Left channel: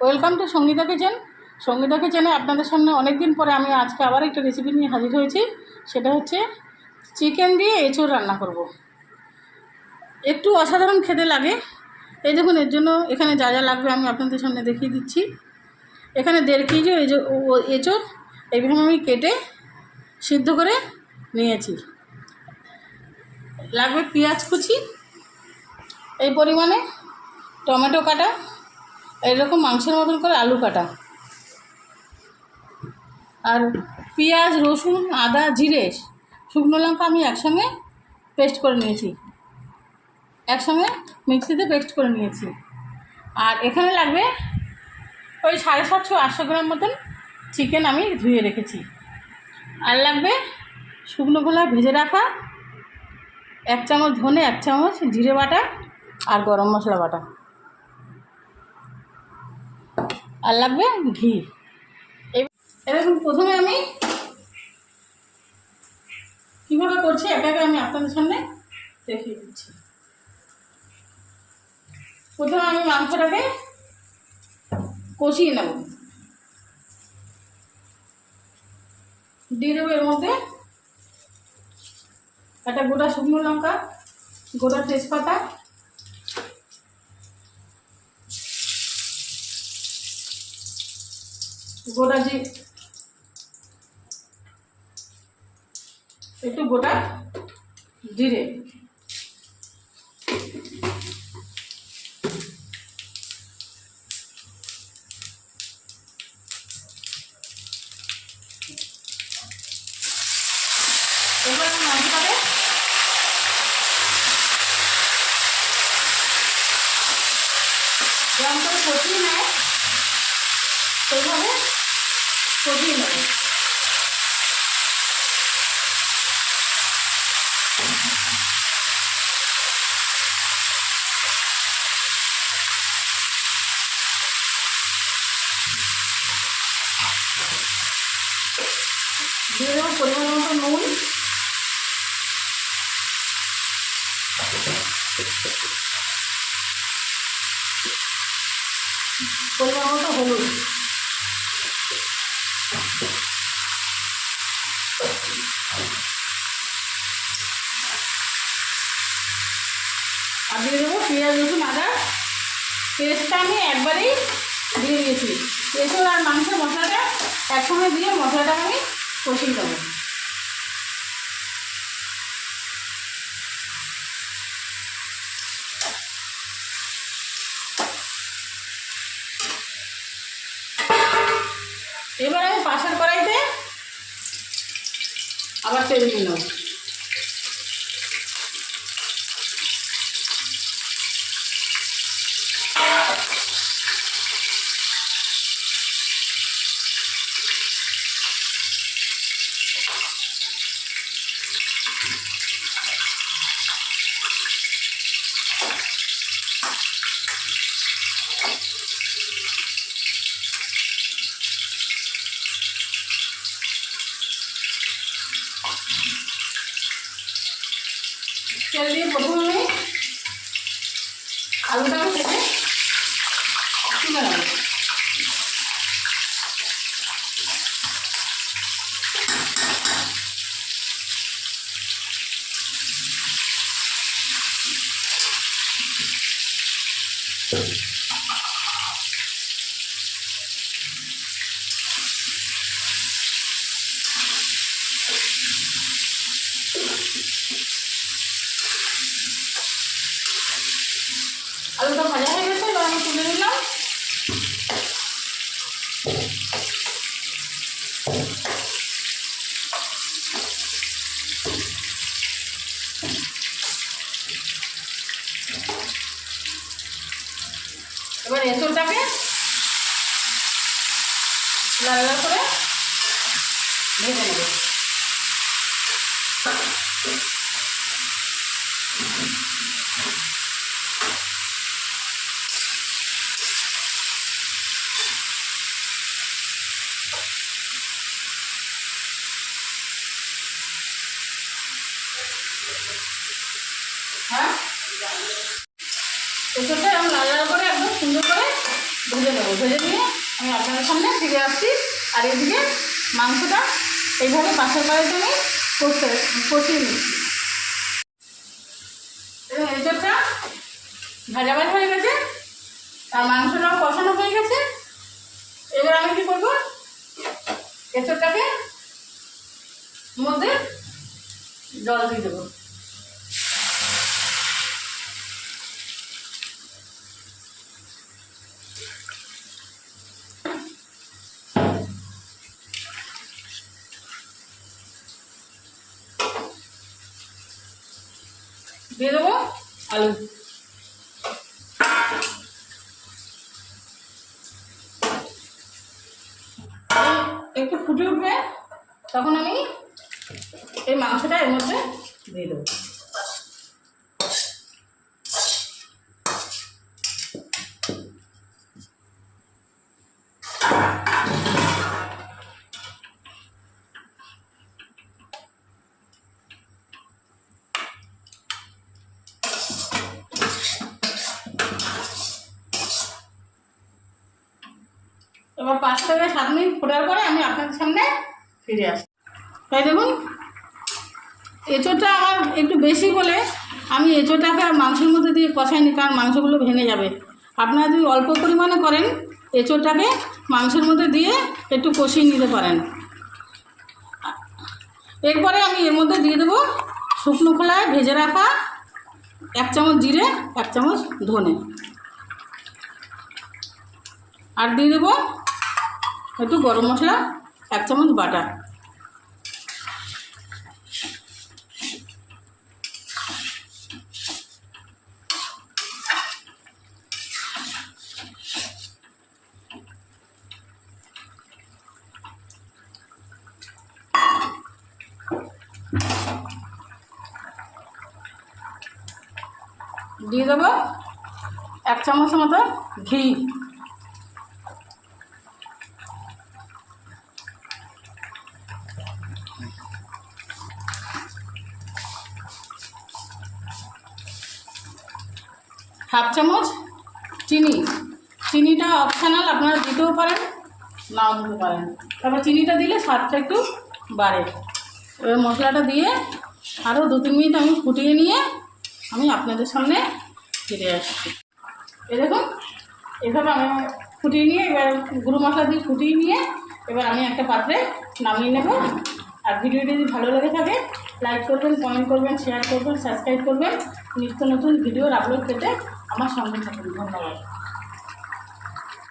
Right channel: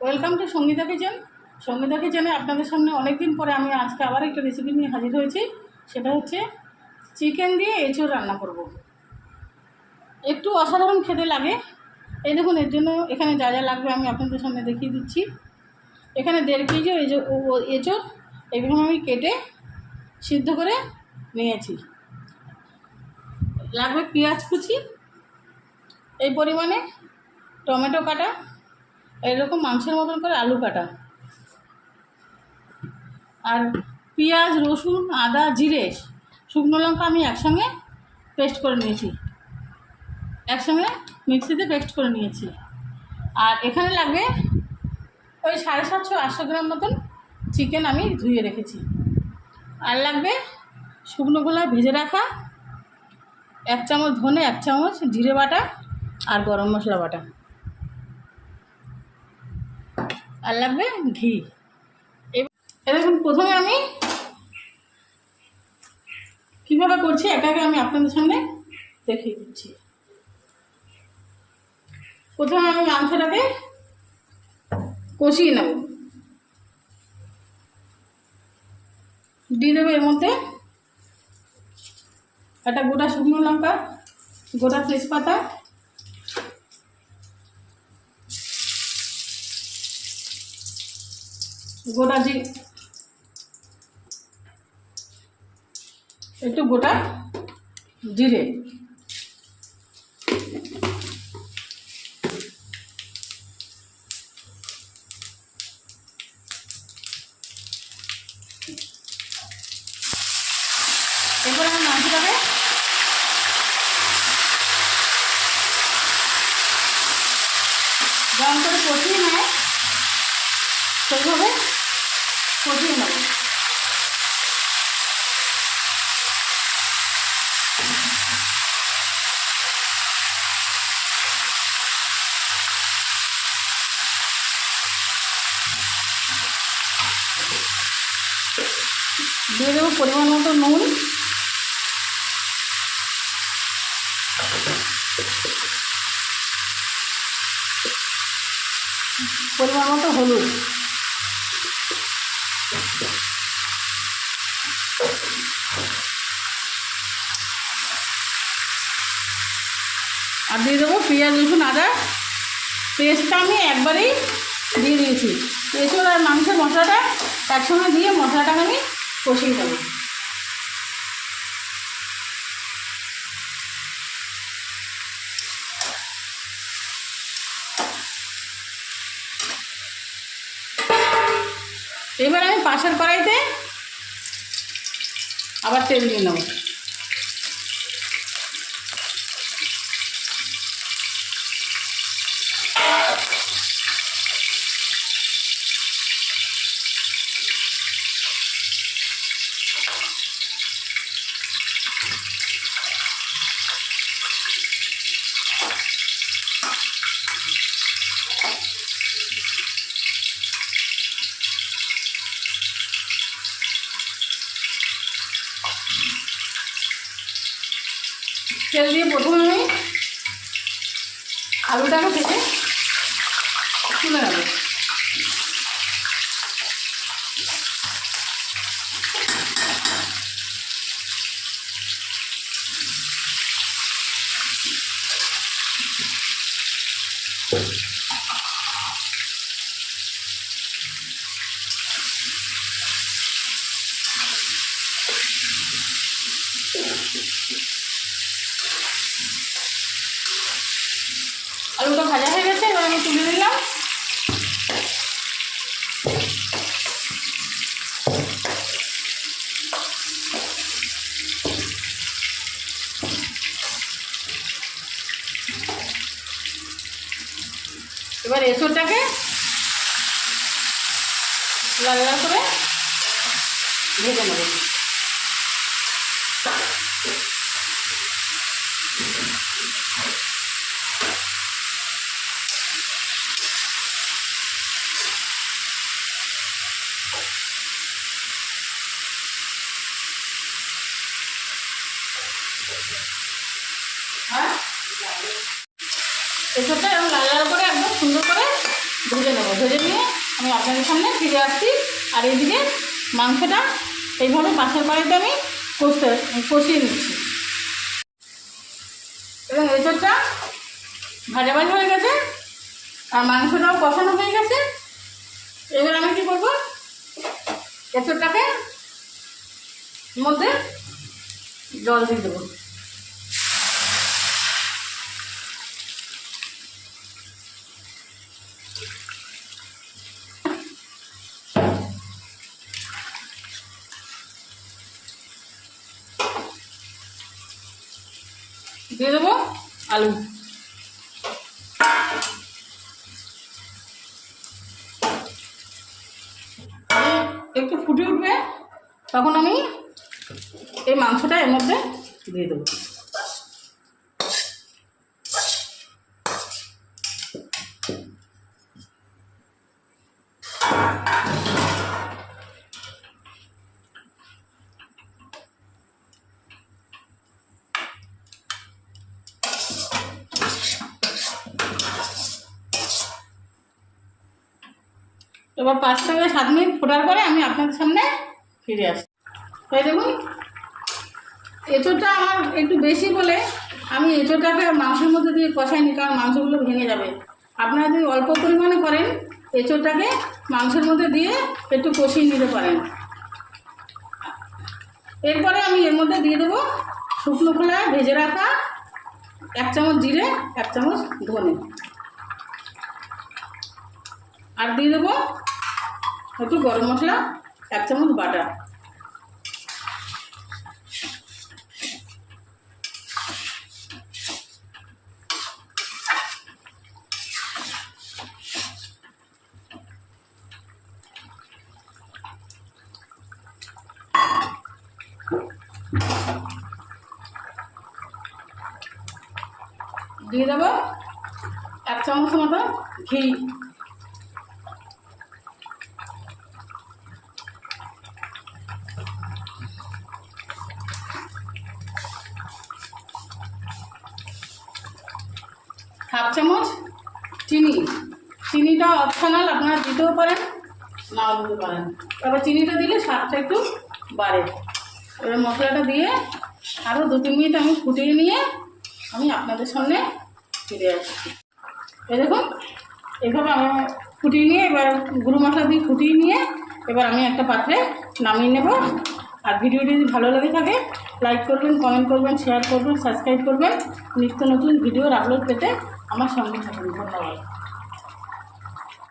Welcome to Sangeeta kitchen Sangeeta কিচেনে আপনাদের সামনে অনেক দিন পরে আমি আজকে আবার একটা রেসিপি নিয়ে হাজির হয়েছি। সেটা হচ্ছে চিকেন দিয়ে এঁচোড় রান্না করব। একটু অসাধারণ খেতে লাগে। এই দেখুন, এর জন্য এখানে যা যা লাগবে আমি আপনাদের সামনে দেখিয়ে দিচ্ছি। এখানে দেড় কেজি এঁচোড় এইভাবে আমি কেটে সিদ্ধ করে নিয়েছি। লাগবে পেঁয়াজ কুচি। এই পরিমাণে টমেটো কাটা। এরকম মাংসের মতন করে আলু কাটা। আর পেঁয়াজ, রসুন, আদা, জিরে, শুকনো লঙ্কা আমি একসঙ্গে পেস্ট করে নিয়েছি। একসঙ্গে মিক্সিতে পেস্ট করে নিয়েছি। আর এখানে লাগবে ওই সাড়ে সাতশো আটশো গ্রাম মতন চিকেন আমি ধুয়ে রেখেছি। আর লাগবে শুকনো গোলা ভেজে রাখা এক চামচ ধনে, এক চামচ জিরে বাটা আর গরম মশলা বাটা। আর লাগবে ঘি। এ- এ দেখুন, প্রথমে আমি কীভাবে করছি এটাকে আমি আপনাদের সামনে দেখিয়ে দিচ্ছি। প্রথমে আমি মাংসটাকে কষিয়ে নেব। দিয়ে দেবো এর মধ্যে একটা গোটা শুকনো লঙ্কা, গোটা তেজপাতা গোটা জি একটু গোটা জিরে। এরপর আমি যেমন করে কষিয়ে নেয় সেইভাবে কষিয়ে নেবে দিয়ে দেবো পরিমাণ মতো নুন। পরিমাণ মতো হলুদ। আর দিয়ে দেবো পেঁয়াজ রসুন আদা। পেস্টটা আমি একবারেই দিয়ে দিয়েছি এঁচড় আর মাংসের মশলাটা একসঙ্গে দিয়ে মশলাটাকে আমি কষিয়ে দেবো এবার আমি পাশের কড়াইতে আবার তেল নিয়ে নেব। তেল দিয়ে প্রথমে আমি আলুটাকে থেকে তুলে নেব। আলুটা ভাজা হয়ে গেছে এবার আমি তুলে দিলাম এবার এঁচড়টাকে লাল করে ভেজে নেব। হ্যাঁ? এরকম লাল লাল করে একদম সুন্দর করে ভেজে নেব। ভেজে নিয়ে আমি আপনাদের সামনে ফিরে আসছি। আর এদিকে মাংসটা এইভাবে পাশের বাড়িতে আমি কষতে, কষিয়ে নিচ্ছি। এবং এঁচড়টা ভাজা ভাজা হয়ে গেছে। আর মাংসটাও কষানো হয়ে গেছে। এবার আমি কী করব? এঁচড়টাকে মধ্যে জল দিয়ে দেবো। দিয়ে দেবো আলু। একটু ফুটে উঠবে তখন আমি এই মাংসটা এর মধ্যে দিয়ে দেবো। এবার পাঁচ থেকে সাত মিনিট ফোটার পরে আমি আপনাদের সামনে ফিরে আসি। এই দেখুন, এঁচোড়টা আমার একটু বেশি বলে আমি এঁচোড়টাকে আর মাংসের মধ্যে দিয়ে কষাই কষাইনি, কারণ মাংসগুলো ভেঙে যাবে। আপনারা যদি অল্প পরিমাণে করেন, এঁচোড়টাকে মাংসের মধ্যে দিয়ে একটু কষিয়ে নিতে পারেন। এরপরে আমি এর মধ্যে দিয়ে দেবো শুকনো খোলায় ভেজে রাখা এক চামচ জিরে, এক চামচ ধনে। আর দিয়ে দেবো একটু গরম মশলা এক চামচ বাটা দিয়ে দেবো এক চামচ মতো ঘি। হাফ চামচ চিনি। চিনিটা অপশানাল আপনারা দিতেও পারেন, নাও দিতে পারেন। এবার চিনিটা দিলে স্বাদটা একটু বাড়ে। এবার মশলাটা দিয়ে আরও দু তিন মিনিট আমি ফুটিয়ে নিয়ে আমি আপনাদের সামনে ফিরে আসছি। এই দেখুন, এভাবে আমি ফুটিয়ে নিয়ে এবার গুঁড়ো মশলা দিয়ে ফুটিয়ে নিয়ে এবার আমি একটা পাত্রে নামিয়ে নেব। আর ভিডিওটি যদি ভালো লেগে থাকে লাইক করবেন কমেন্ট করবেন শেয়ার করবেন সাবস্ক্রাইব করবেন। নিত্য নতুন ভিডিওর আপলোড পেতে আমার সঙ্গে থাকুন। ধন্যবাদ।